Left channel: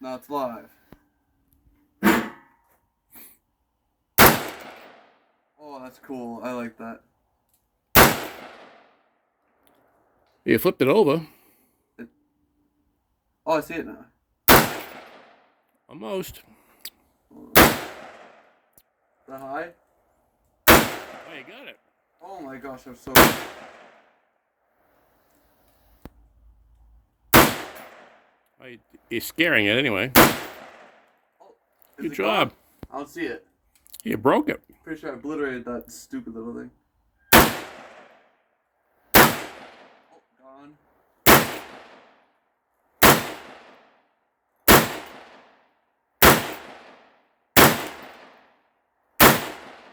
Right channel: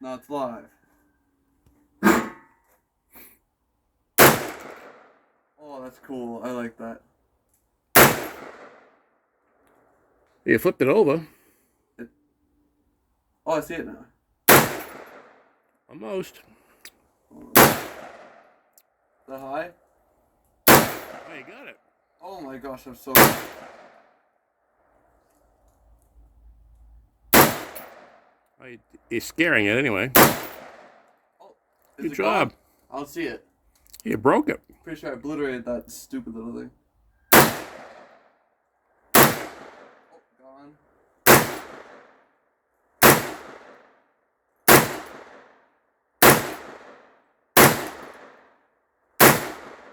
No, it's live. Oh, that's cool. I like that. You flipped it over. Oh, I see it now. Almost. The high? Oh, you got it. Oh my gosh, I'm so... Oh, you're scaring it anyway. Oh, Good job. I don't see it. You broke it. Pretty sure I obliterated that stupid little thing.